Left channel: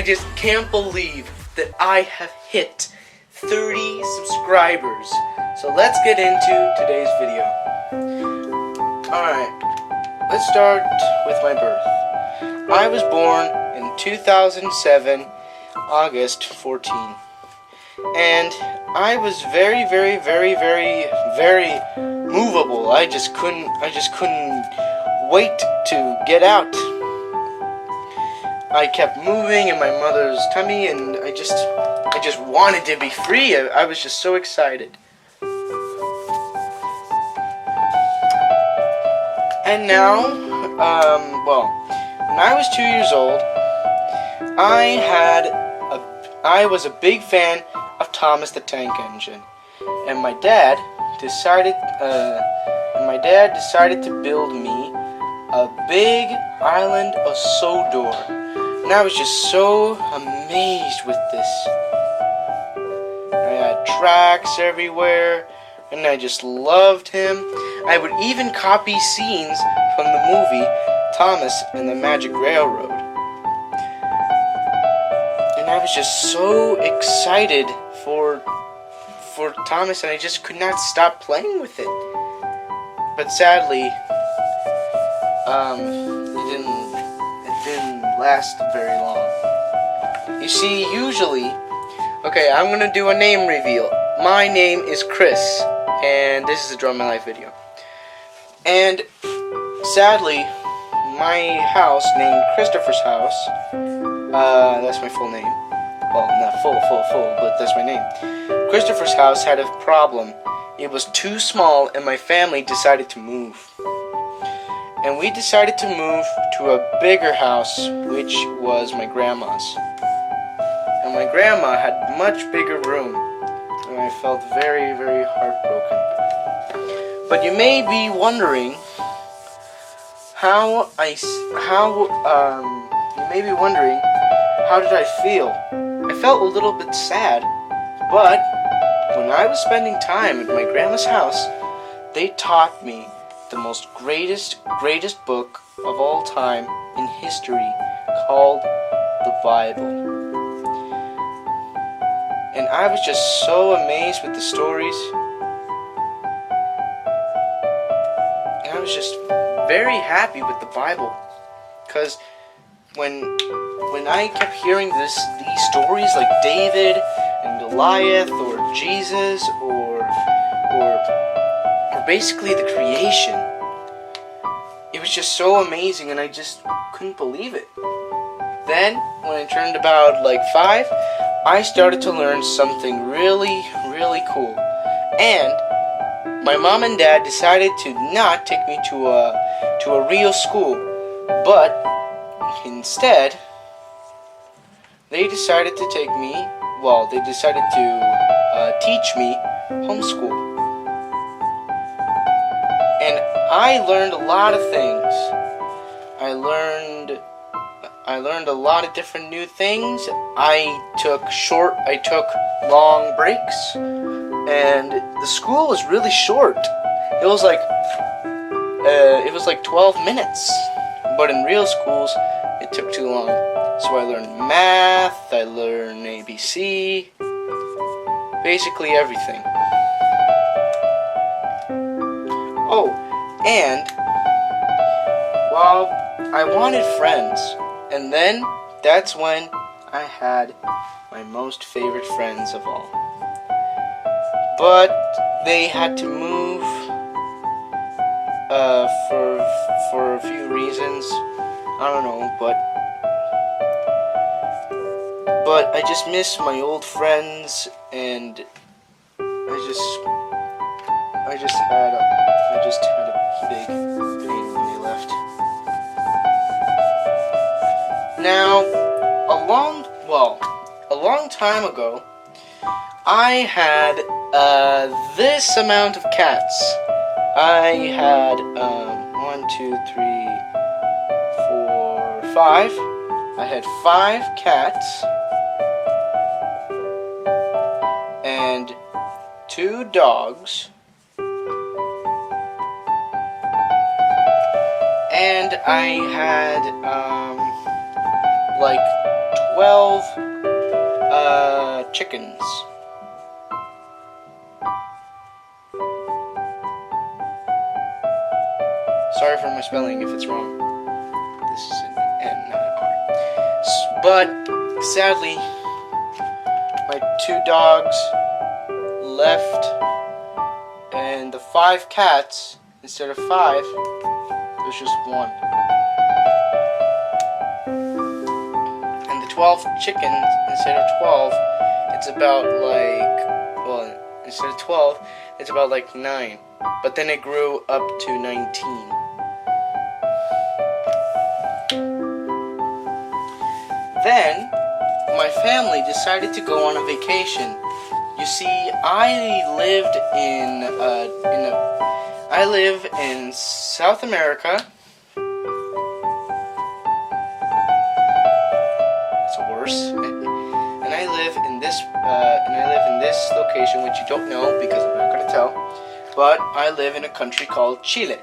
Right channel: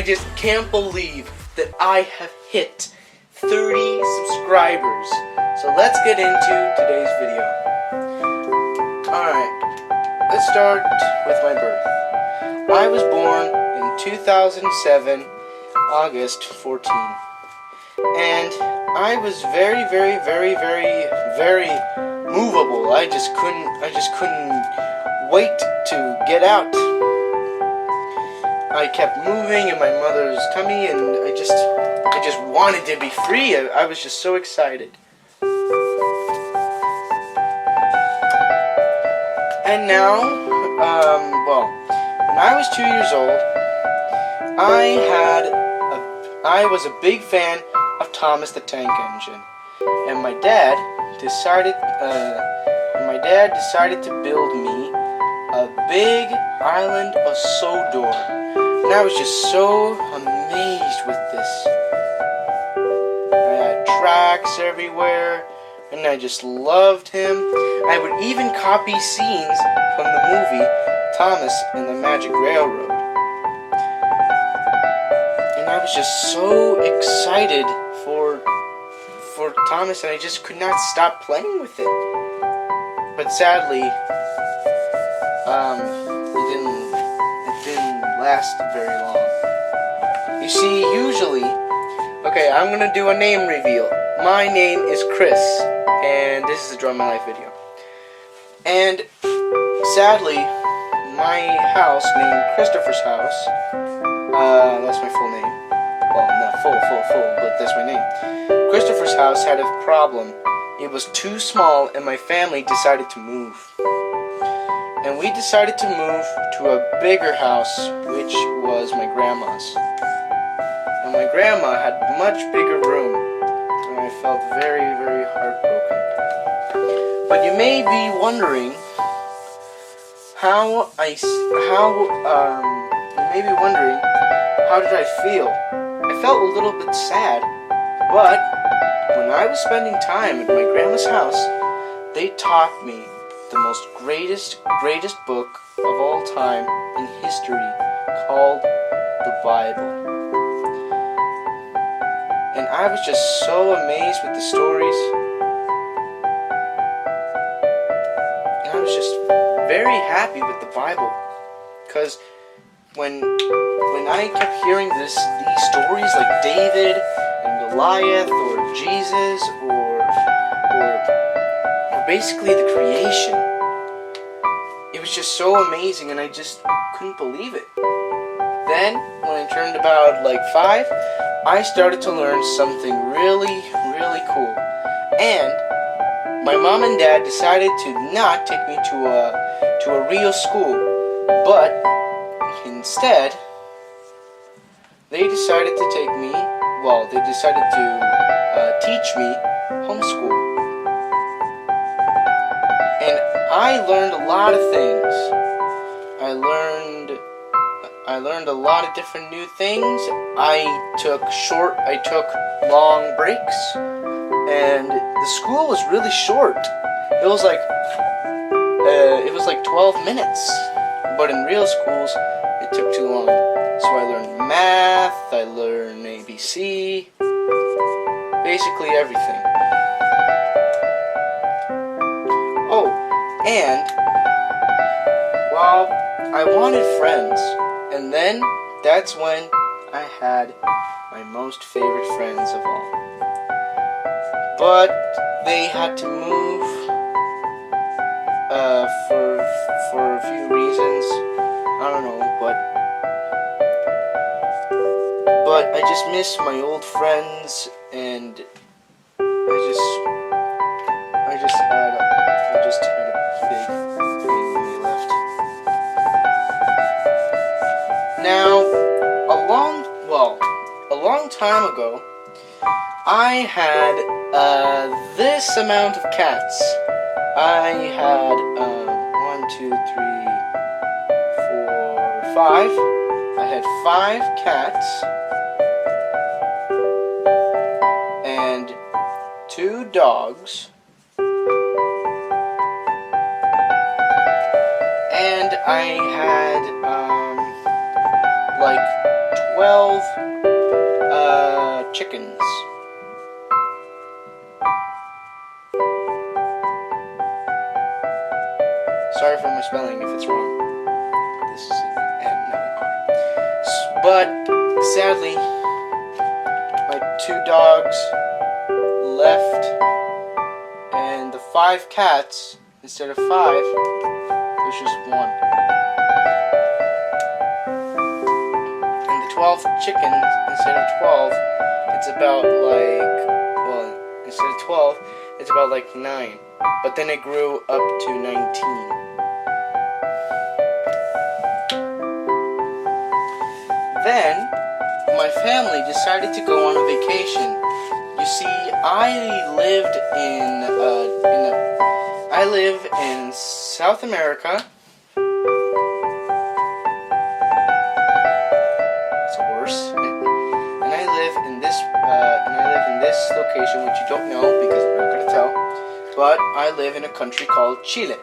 I just can't believe that I have hit 30 subscribers. So let's get into today's video. Alright, let's start with my birth. I was born in 2007, August 14. And I was very movable. I just couldn't wait to get out. I kept moving in my mother's tummy, and I just wanted to be free. I was just so excited. And now, when I was 2 years old, I was a big fan of Thomas the Tank Engine, and my dad decided to build me a big island of Sodor, and I was just so amazed with this. I had tracks everywhere, and I just loved him. I would even copy scenes from the movie Thomas and the Magic Railroad. And I was just so excited for Thomas, and I just could not stop playing with it. But sadly, it didn't last very long. You see, usually, okay, I'm gonna do a name reveal. My name is Chris, and this is a Draw My Life video. And sadly, my house, named Christopher's House, that's my full name. Well, not full, but that's my name. Christopher's house had a problem. It was too small, and my family decided to move. And we decided to move to a bigger house, which was my grandma's. And my grandma had much bigger room, and I felt very heartbroken. But you may be wondering how did I feel? I felt a little bit sad, but when I was spending time at my grandma's house, they taught me the most greatest book of all time in history, called the Bible. And I was just so amazed with the stories. And I was just very happy with the Bible, because when I kept hearing these stories like David and Goliath, or Jesus, or basically the creation, it was just so amazing, and I just couldn't believe it. Then, when I turned about 5, I started to learn something really cool. And my mom and dad decided to not take me to a real school, but instead, they decided to teach me homeschool. And I learned a lot of things. I learned a lot of different new things. I took long breaks, and the school was really short. It was like 12 minutes, but in real schools, it took too long. So I learned math, I learned ABC, basically everything. Oh, and, I wanted friends, and then that's when I had my most favorite friends of all. But they had to move for a few reasons. I don't know, but I just miss my old friends, and I just had a big pain when they left. Now, a long time ago, I had this amount of cats. I had 1, 2, 3, 4, 5. I had 5 cats and 2 dogs and I had like 12 chickens. Sorry for my spelling if it's wrong. This is an N, not an R. But sadly, my 2 dogs left, and the 5 cats, instead of 5, it was just 1. And the 12 chickens, instead of 12, it's about like, well, instead of 12, it's about like 9. But then it grew up to 19. Then, my family decided to go on a vacation. You see, I live in South America. It's worse. And I live in this location, which you don't know because I'm not going to tell. But I live in a country called Chile.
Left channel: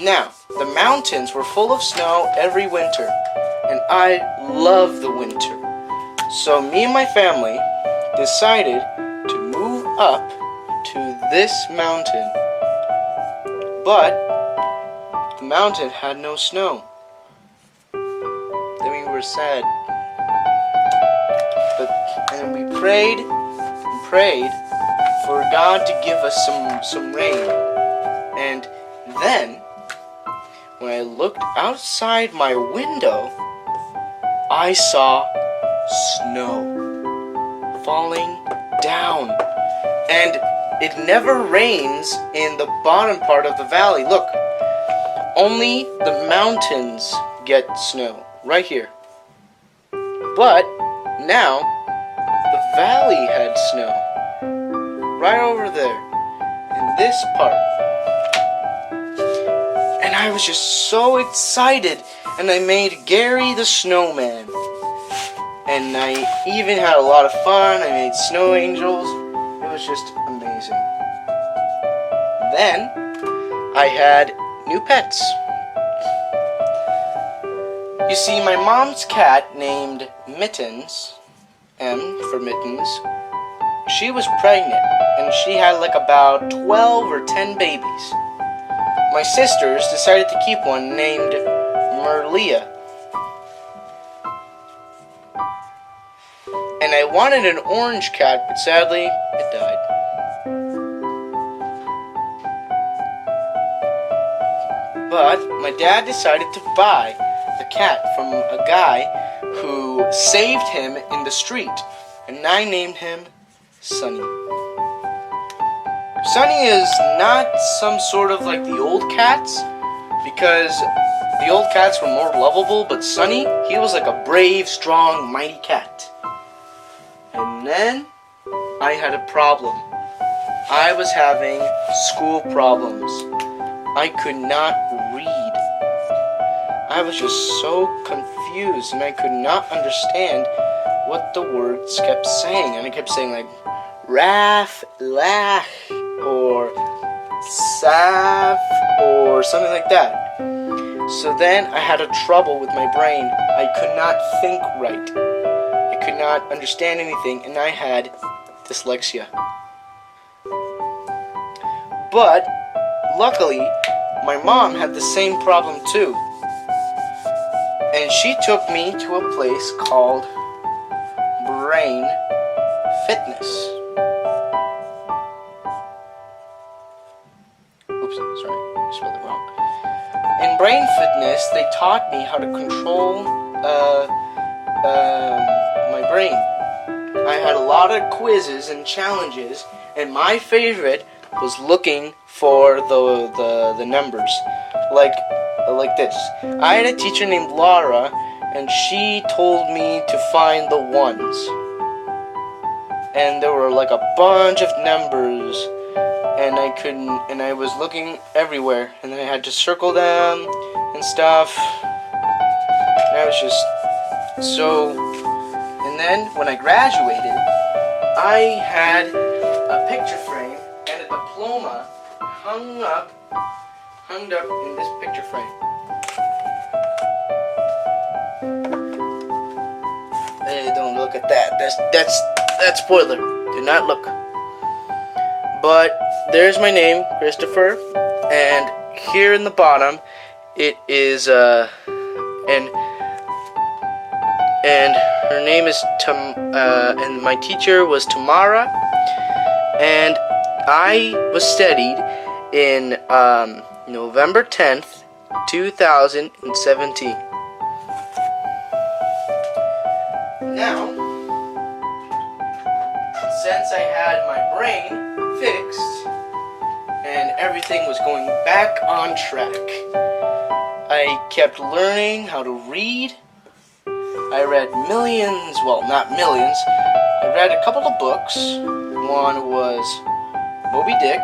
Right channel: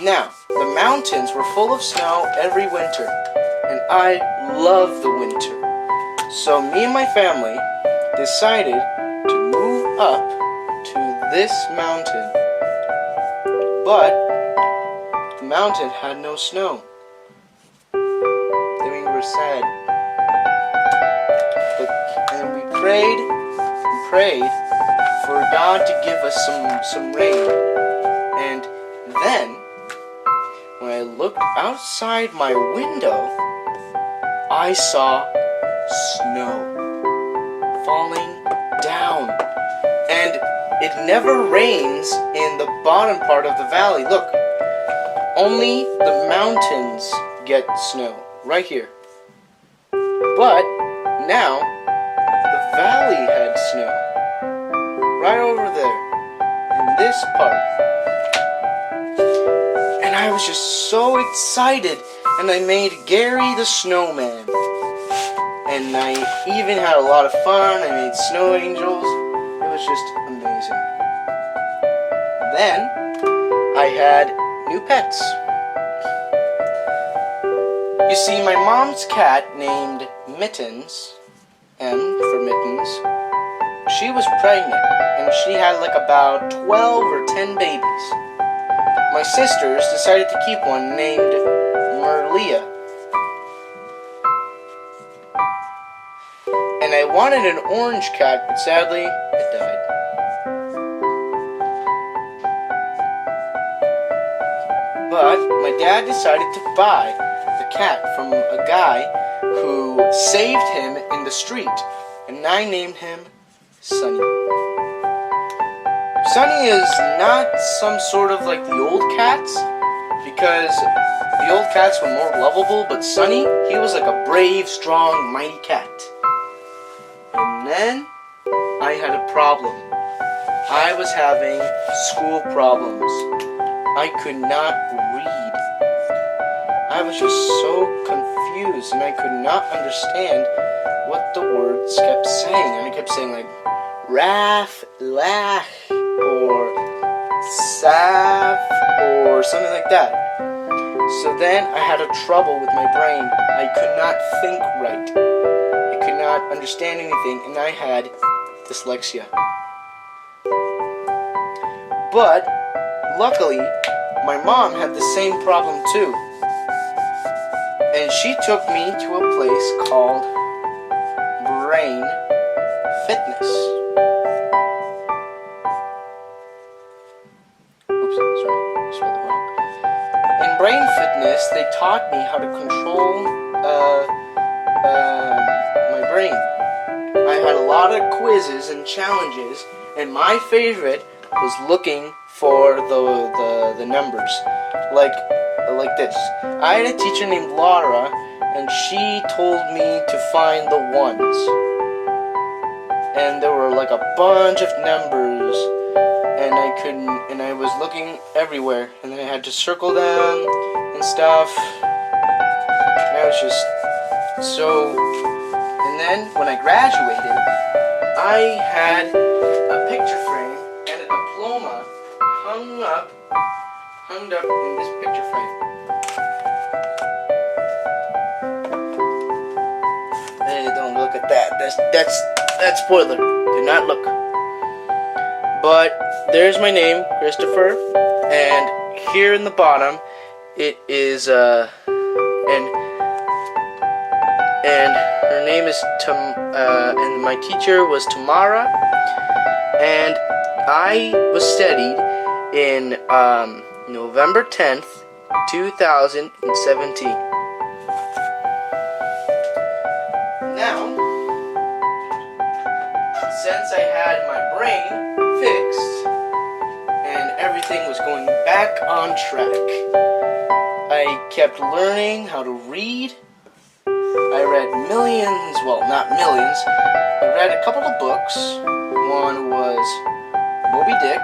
Now, the mountains were full of snow every winter, and I love the winter. So me and my family decided to move up to this mountain. But the mountain had no snow. Then we were sad. And we prayed for God to give us some rain. And then, when I looked outside my window, I saw snow falling down. And it never rains in the bottom part of the valley. Look, only the mountains get snow, right here. But now, the valley had snow, right over there, in this part. And I was just so excited, and I made Gary the snowman. And I even had a lot of fun. I made snow angels. It was just amazing. Then, I had new pets. You see, my mom's cat named Mittens, M for Mittens, she was pregnant, and she had like about 12 or 10 babies. My sisters decided to keep one named Merlia. And I wanted an orange cat, but sadly, it died. But my dad decided to buy the cat from a guy who saved him in the street, and I named him Sunny. Sunny is not some sort of like the old cats, because the old cats were more lovable, but Sunny, he was like a brave, strong, mighty cat. And then I had a problem. I was having school problems. I could not read. I was just so confused, and I could not understand what the words kept saying. And I kept saying like Raf, Lach, or Sav, or something like that. So then I had a trouble with my brain. I could not think right. I could not understand anything, and I had dyslexia. But luckily, my mom had the same problem too. And she took me to a place called Brain Fitness. Oops, sorry, I spelled it wrong. In Brain Fitness, they taught me how to control my brain. I had a lot of quizzes and challenges, and my favorite was looking for the numbers, like this. I had a teacher named Laura, and she told me to find the ones. And there were like a bunch of numbers, and I was looking everywhere, and then I had to circle them and stuff. And I was just so. And then when I graduated, I had a picture frame and a diploma hung up in this picture frame. Hey, don't look at that. That's spoiler. Do not look. But there's my name, Christopher, and here in the bottom, it is and her name is and my teacher was Tamara, and I was studied in November 10th, 2017. Now, since I had my brain fixed and everything was going back on track, I kept learning how to read. I read millions, well, not millions. I read a couple of books. One was Moby Dick.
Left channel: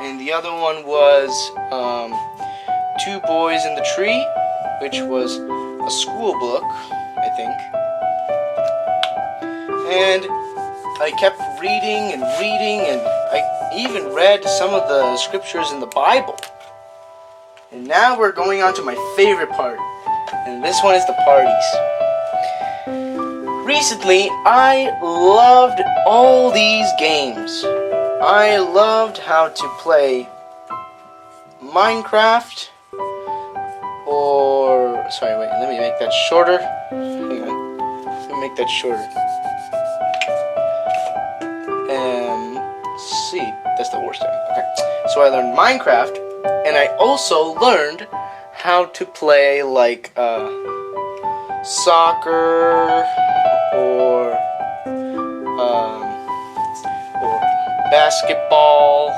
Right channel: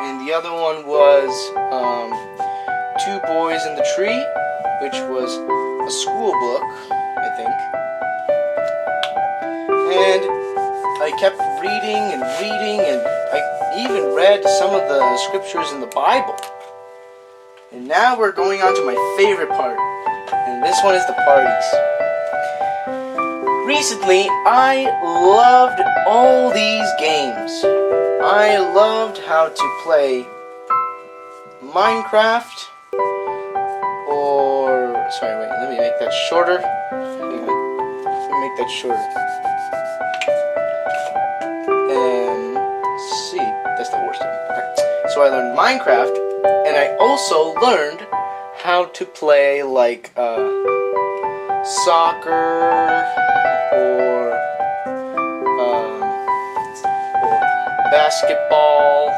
And the other one was Two Boys in the Tree, which was a school book, I think. And I kept reading and reading, and I even read some of the scriptures in the Bible. And now we're going on to my favorite part, and this one is the parties. Recently, I loved all these games. I loved how to play Minecraft, sorry, wait, let me make that shorter. Hang on, let me make that shorter. See, that's the worst time. Okay, so I learned Minecraft, and I also learned how to play like soccer or basketball.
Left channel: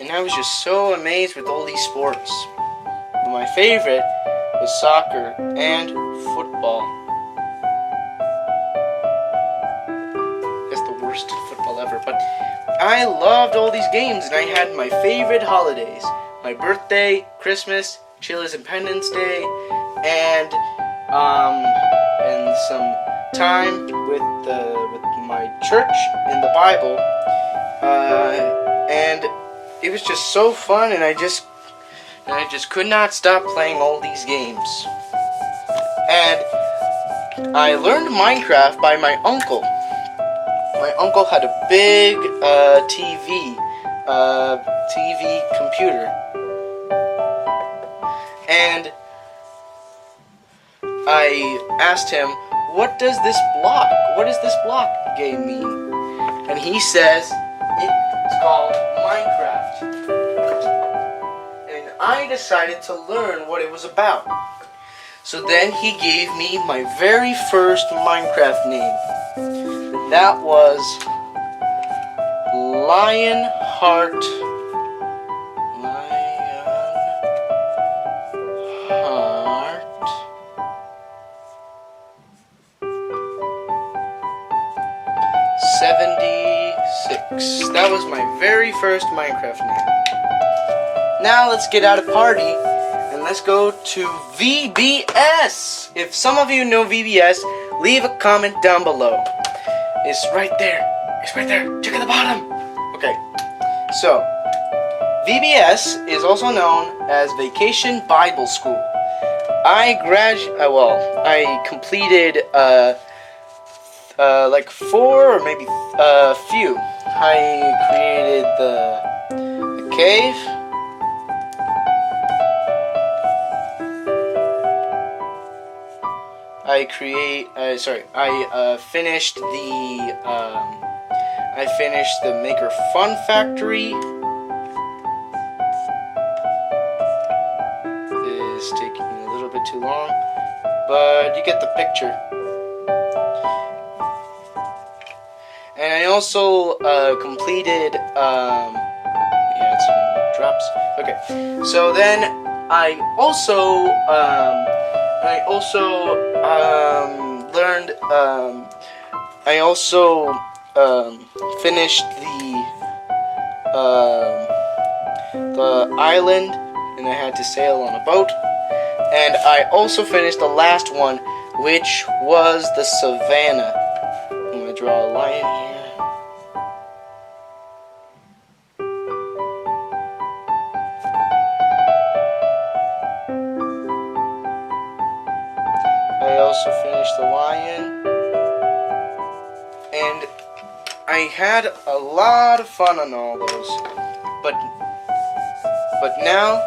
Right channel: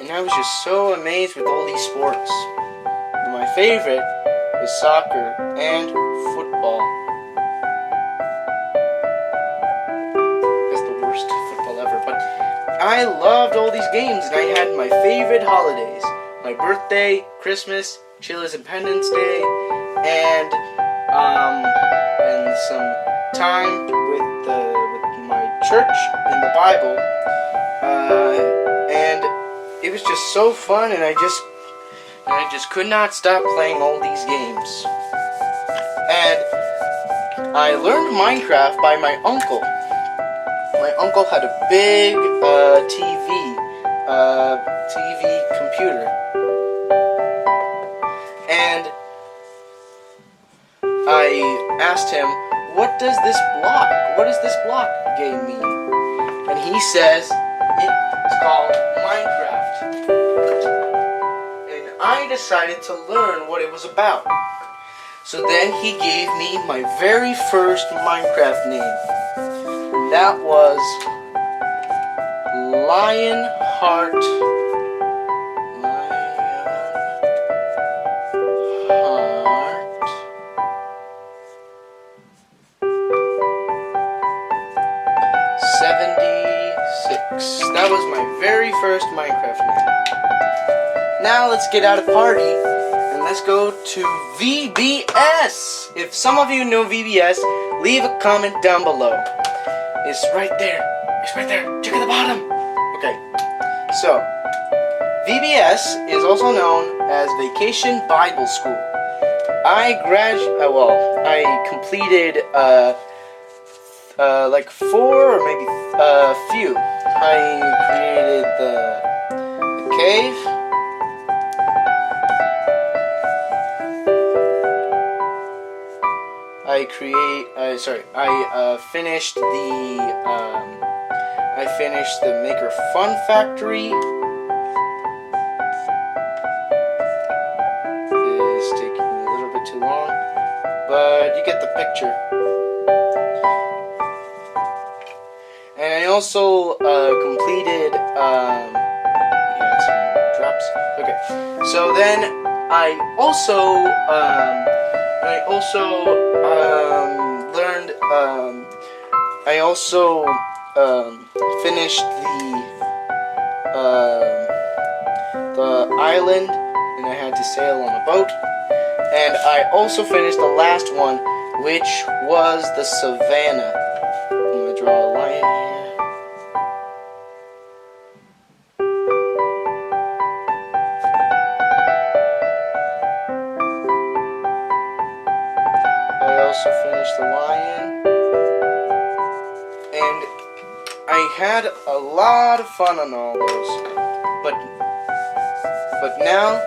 And I was just so amazed with all these sports. But my favorite was soccer and football. That's the worst football ever. But I loved all these games, and I had my favorite holidays. My birthday, Christmas, Chile's Independence Day, and some time with my church in the Bible. And it was just so fun, and I just could not stop playing all these games. And I learned Minecraft by my uncle. My uncle had a big TV computer, and I asked him, what does this block game mean? And he says, it's called Minecraft. And I decided to learn what it was about. So then he gave me my very first Minecraft name. And that was Lionheart 76. That was my very first Minecraft name. Now let's get out of party and let's go to VBS. If some of you know VBS, leave a comment down below. It's right there. It's right there. Check at the bottom. Okay. So, VBS is also known as Vacation Bible School. I completed like 4 or maybe a few. I created the cave. I finished the Maker Fun Factory. It is taking a little bit too long, but you get the picture. And I also completed, some drops. Okay, so then I also finished the island, and I had to sail on a boat. And I also finished the last one, which was the savannah. I'm gonna draw a lion here. the Y in. And I had a lot of fun on all those. But now,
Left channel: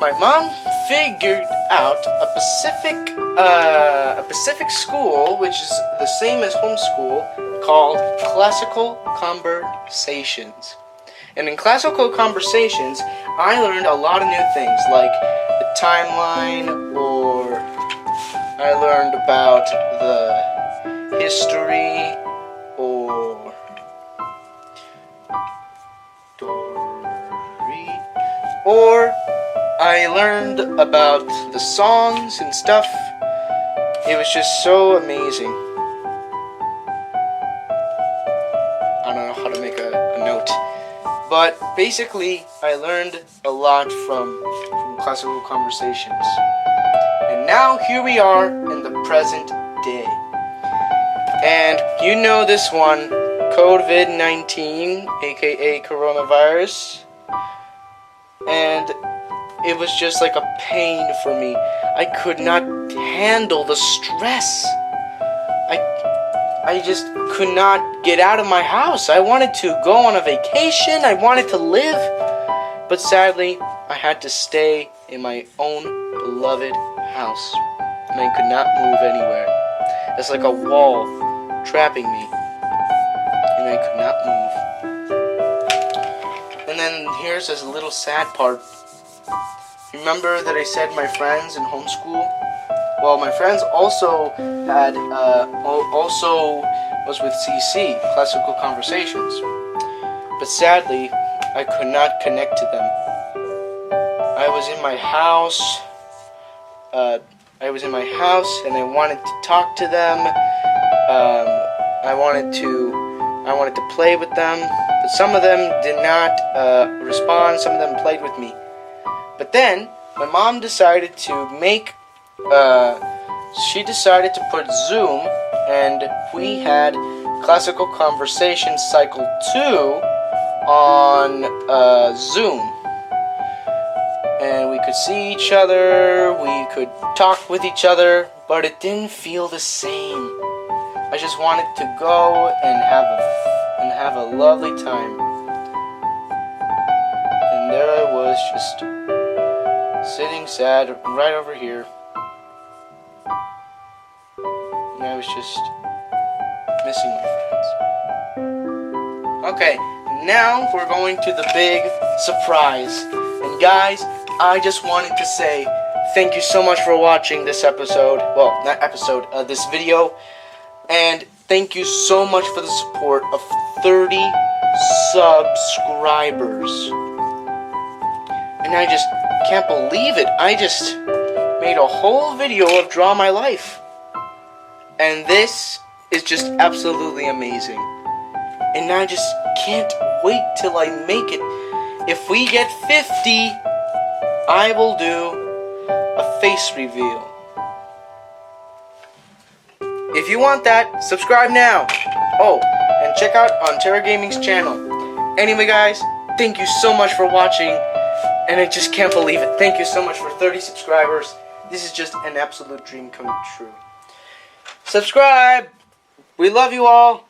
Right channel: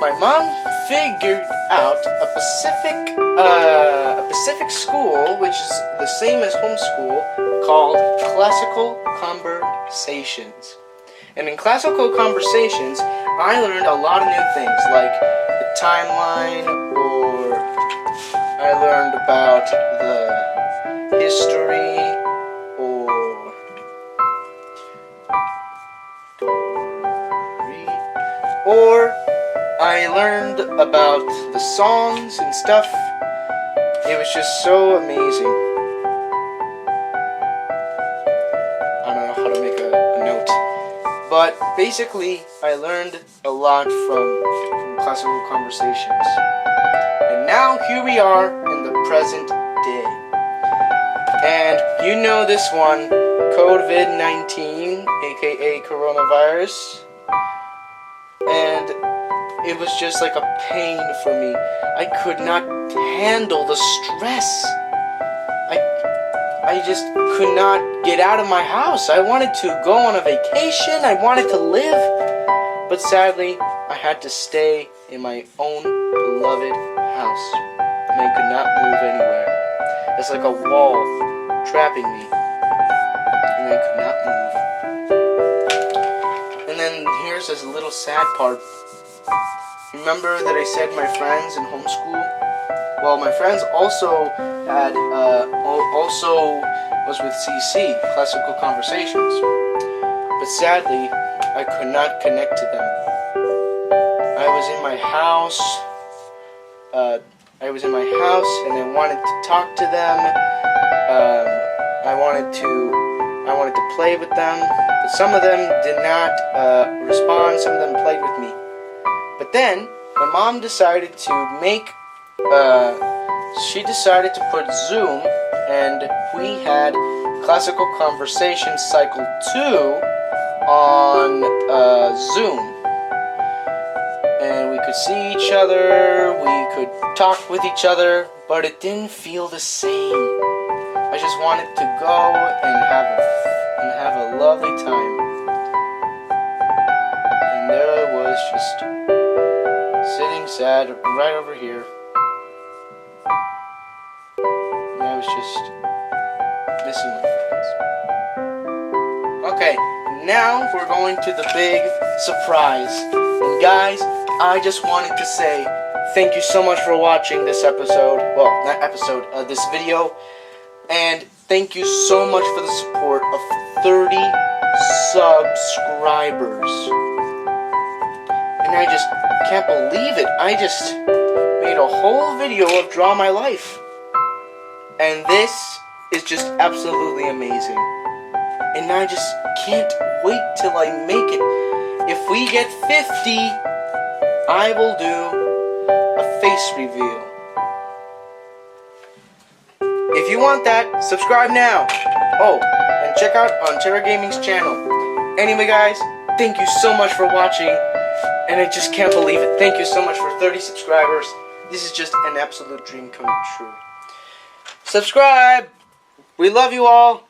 my mom figured out a Pacific school, which is the same as homeschool, called Classical Conversations. And in Classical Conversations, I learned a lot of new things, like the timeline, or I learned about the history, or I learned about the songs and stuff. It was just so amazing. I don't know how to make a note. But basically, I learned a lot from Classical Conversations. And now here we are in the present day. And you know this one, COVID-19, aka coronavirus. And it was just like a pain for me. I could not handle the stress. I just could not get out of my house. I wanted to go on a vacation. I wanted to live. But sadly, I had to stay in my own beloved house. And I could not move anywhere. It's like a wall trapping me. And I could not move. And then here's this little sad part. Remember that I said my friends in homeschool? Well, my friends also was with CC, Classical Conversations. But sadly, I could not connect to them. I was in my house. And I wanted to talk to them. I wanted to play with them. But some of them did not respond. Some of them played with me. But then, my mom decided to she decided to put Zoom, and we had Classical Conversations Cycle 2 on Zoom. And we could see each other, we could talk with each other, but it didn't feel the same. I just wanted to go and have a lovely time. And there I was, just sitting sad right over here. And I was just missing my friends. Okay, now we're going to the big surprise. And guys, I just wanted to say thank you so much for watching this episode. Well, not episode, this video. And thank you so much for the support of 30 subscribers. And I just can't believe it. I just made a whole video of Draw My Life. And this is just absolutely amazing. And I just can't wait till I make it. If we get 50, I will do a face reveal. If you want that, subscribe now. Oh, and check out on Terra Gaming's channel. Anyway, guys, thank you so much for watching. And I just can't believe it. Thank you so much for 30 subscribers. This is just an absolute dream come true. Subscribe! We love you all.